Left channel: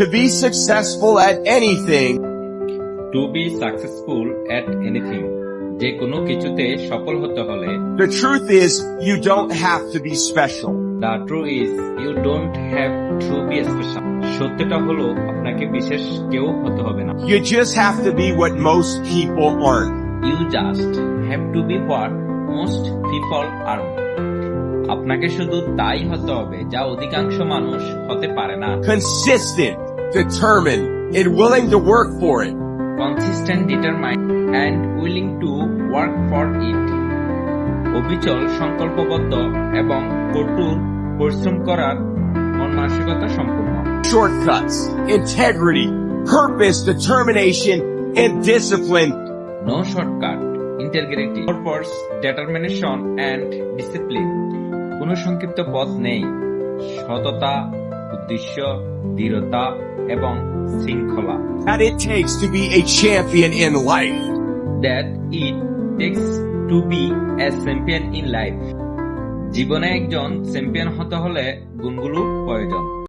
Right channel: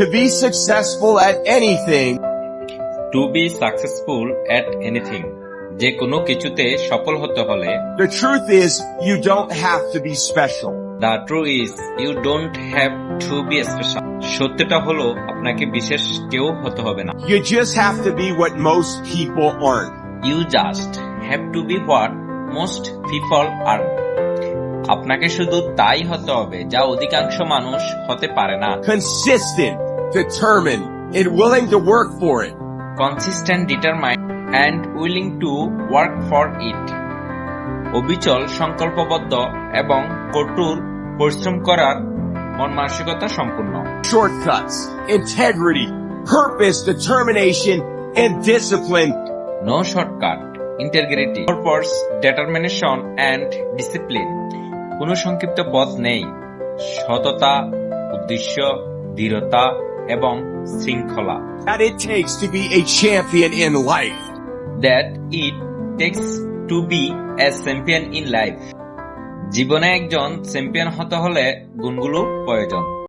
To be successful at anything, to be successful at anything, যে কোনো কিছুতে সফল হতে হলে the truth is you don't have to be special. The true is you don't have to be special. সত্যটা হলো আপনাকে বিশেষ কেউ হতে হবে না। You just have to be what most people aren't. You just have to be what most people are. আপনাকে শুধু তাই হতে হবে যা অধিকাংশ মানুষ হতে পারে না। Consistent, determined, and willing to work for it. Consistent, determined and willing to work for it. অবিচল, সংকল্পবদ্ধ এবং কঠোর পরিশ্রম করার মন মানসিকতা সম্পূর্ণ। Shortcuts, integrity, purpose, determination, and discipline. No shortcut, integrity, purpose, determination and discipline. কোনো সংক্ষিপ্ত পথ নেই। সততা, উদ্দেশ্য, দৃঢ়তা এবং শৃঙ্খলা। That it takes to be a champion in life. That it takes to be a champion in life. জীবনে একজন চ্যাম্পিয়ন হতে হলে গুণগুলো প্রয়োজন।